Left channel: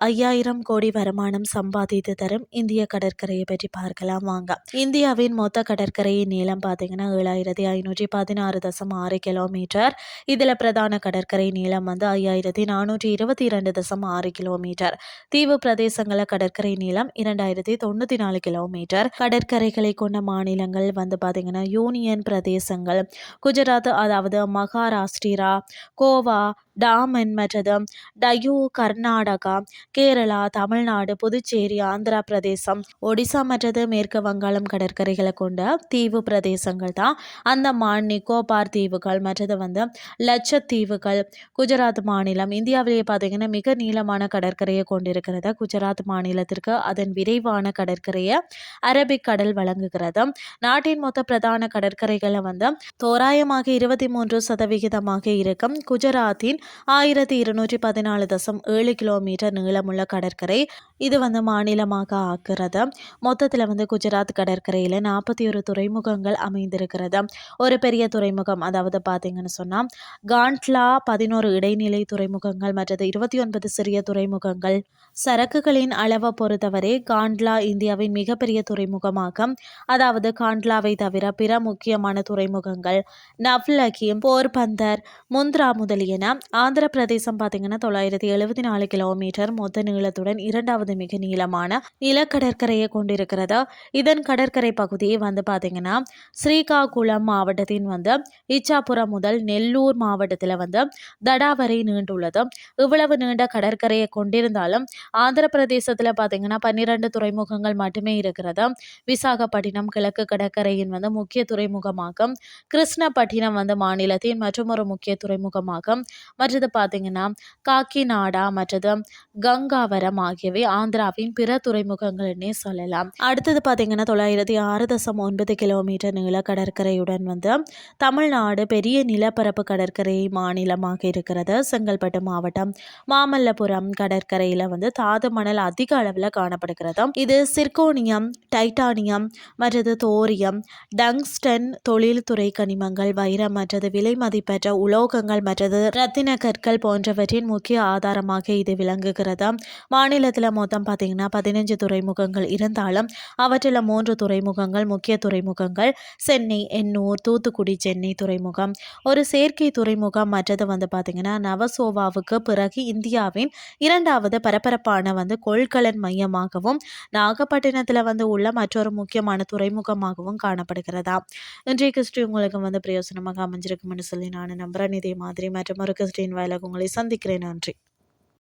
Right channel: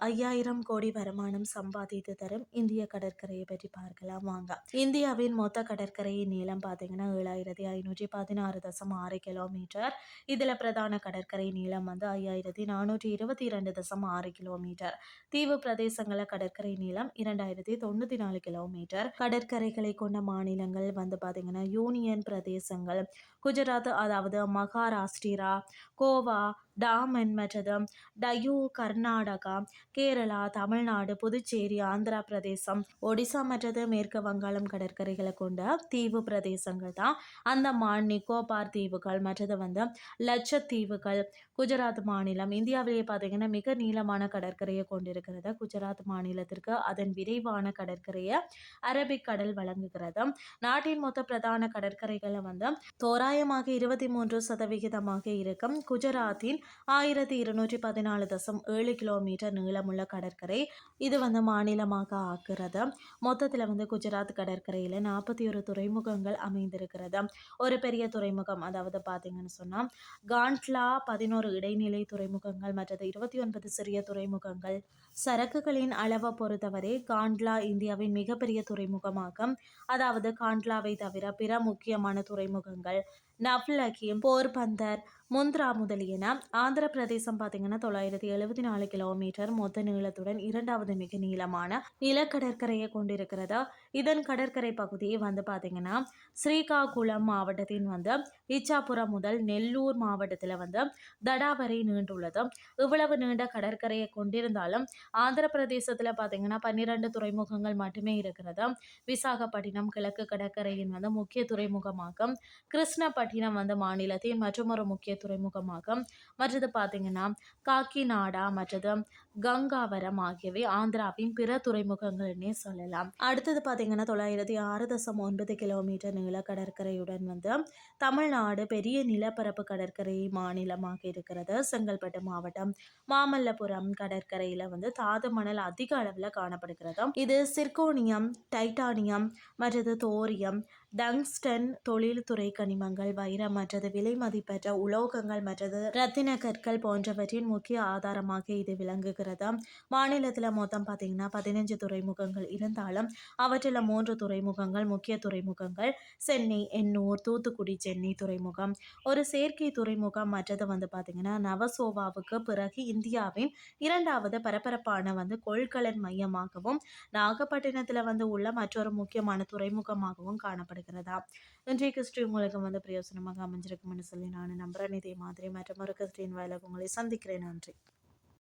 ஐயாயிரம் கோடி வருமானம் சம்பாதித்து தரும் இந்திய கடற்கரையை பற்றி பார்க்கலாம் வாங்க. இந்தியாவின் மொத்த கடற்கரையின் நீளம் பார்த்தீங்கன்னா ஏழாயிரத்தி ஐநூற்றி பதினாறு தசம் ஆறு கிலோமீட்டர். இதில் பிரதான கடற்கரை நீளம் வந்து ஐயாயிரத்தி நானூற்றி இருபத்தி இரண்டு தசம் ஆறு கிலோமீட்டர். தீவு பிரதேசங்கள கடற்கரை நீளம் இரண்டாயிரத்தி தொண்ணூற்றி நாலு கிலோமீட்டர். கடற்கரைகளை கொண்ட மாநிலங்கள் வந்து பார்த்தீங்கன்னா யூனியன் பிரதேசங்கள் குஜராத் அதாவது மகாராஷ்டிரா கோவா டாம் என்பது டயூ கர்நாடகா கேரளா தமிழ்நாடு புதுச்சேரி ஆந்திரா பிரதேசம் ஒடிசா மற்றது மேற்கு வங்காளம் கடற்கரைகளை கொண்ட தீவு பிரதேசங்கள் தான். அந்தமான் நிக்கோபார் தீவுகள் மற்றது வந்து லட்சத்தீவுகள் குஜராத் மாநிலம். இந்தியாவிலேயே பார்த்தீங்கன்னா மிக நீளமான கடற்கரையை கொண்டிருக்கிறது. குஜராத் மாநிலத்திற்கு அதன் விரைவான கடற்கரையை அரபிக் கடல் வழங்குகிறது. நாட்டின் மொத்த பிரதான கடற்கரைகளை வந்து தோராயமாக இருபத்தி மூன்று சதவிகிதமாக இருக்கும் குஜராத்தின் ஆயிரத்தி இருநூற்றி பதினாலு தசம் ஏழு கிலோமீட்டர் நீளமுள்ள கடற்கரை. இது வந்து மாநிலமாக ஆக்குறது. மொத்தத்தில் வந்து குஜராத் கடற்கரையில் நாற்பத்தி ஒரு துறைமுகங்கள் அமைந்திருக்கிறது. ஒரு பெரிய துறைமுகம் அதாவது பார்த்தீங்கன்னு சொன்னால் காண்ட்லா பதினோரு இடைநிலை துறைமுகங்கள் மற்றது இருபத்தி ஒன்பது சிறிய துறைமுகங்கள். சரக்குகளின் அளவை பொறுத்தவரை காண்ட்லா இந்தியாவின் மிகப்பெரிய துறைமுகமாகும் அதாவது காண்ட்லாவை தவிர பிற முக்கியமான துறைமுகங்கள் நவ்லகி போர்பந்தர் முந்த்ரா முதலியன ஆந்திர பிரதேசம் பார்த்தீங்கன்னா தொள்ளாயிரத்தி எழுபத்தி நாலு கிலோமீட்டர் மொத்த நீளத்துடன் இரண்டாவது மிக நீளமான நிலக்கடற்கரையை கொண்டிருக்கிறது? இதன் கடற்கரை பகுதியை வந்து பார்த்தீங்கன்னா ஸ்ரீகாகுளம் மாவட்டத்தின் வந்து இச்சாபுரம் முதல் நெல்லூர் மாவட்டத்தில் வந்து தடா வரை நீண்டுள்ளது. இவ்வளவு நீண்ட கடற்கரையை கொண்டிருந்தாலும் ஆந்திர பிரதேசத்தில் பார்த்தீங்கன்னா பன்னிரண்டு துறைமுகங்கள் மட்டுமே இருக்கிறது. விசாகப்பட்டினம் கிழக்கு கடற்கரையின் வந்து முக்கிய துறைமுகமாகும். கிருஷ்ணப்பட்டினம் வந்து மாநிலத்தின் மற்றும் ஒரு முக்கிய துறைமுகமாகும். மற்றது பார்த்தீங்கன்னா காக்கிநாடா மற்றது கங்காவரம் ஆகியவை ஆந்திராவின் பிற துறைமுகங்கள்னே சொல்லலாம். அடுத்தது பார்த்தீங்கன்னா தொள்ளாயிரத்தி ஆறு தசம் ஒன்பது கிலோமீட்டர் நீள கடற்கரையுடன் வந்து தமிழ்நாடு பெரிய நிலப்பரப்பு கடற்கரை மாநிலமாக இருக்கிறது. செங்கல்பட்டு மாவட்டம் மாமல்லபுரம் கடற்கரையில் வந்து தாது மணல் அதிக அளவில் காணப்படுகிறது. இது சிர்கோனியம் டைட்டானியம் மற்றது தோரியம் டங்ஸ்டன் தொழில்துறை கனிமங்கள் வைரம் மற்றது விலை மதிப்பற்ற உலோகங்கள் மற்றது ரத்தின கற்கள் போன்றவற்றின் முக்கிய ஆதாரமாக இது விளங்குகிறது? மாநிலத்தில் மொத்தம் பார்த்தீங்கன்னா பதினஞ்சு துறைமுகங்கள் இருந்தாலும் அவற்றில் மூன்று துறைமுகங்கள் முக்கிய துறைமுகங்கள். சென்னை எண்ணூர் தூத்துக்குடி சென்னை துறைமுகம். ஒரு செயற்கை துறைமுகம் மற்றது வந்து பார்த்திங்கன்னா நவசோவாவுக்கு பிறகு இந்தியாவின் இரண்டாவது பரபரப்பான வந்து கொள்கலன் மையமாகவும் நாகப்பட்டினத்தில் வந்து உள்ள மற்றொரு முக்கியமான துறைமுகமாகவும் காணப்படுகிறதா? இன்றைய கிறிஸ்டி உங்களுக்கு வந்து பிரயோசனமாக அமைஞ்சிருக்கும்னு சொல்லி நான் நம்புகிறேன் இதே மாதிரி மற்றும் ஒரு கிறிஸ்டின் வாயிலாக உங்களை சந்திக்கிறேன். நன்றி.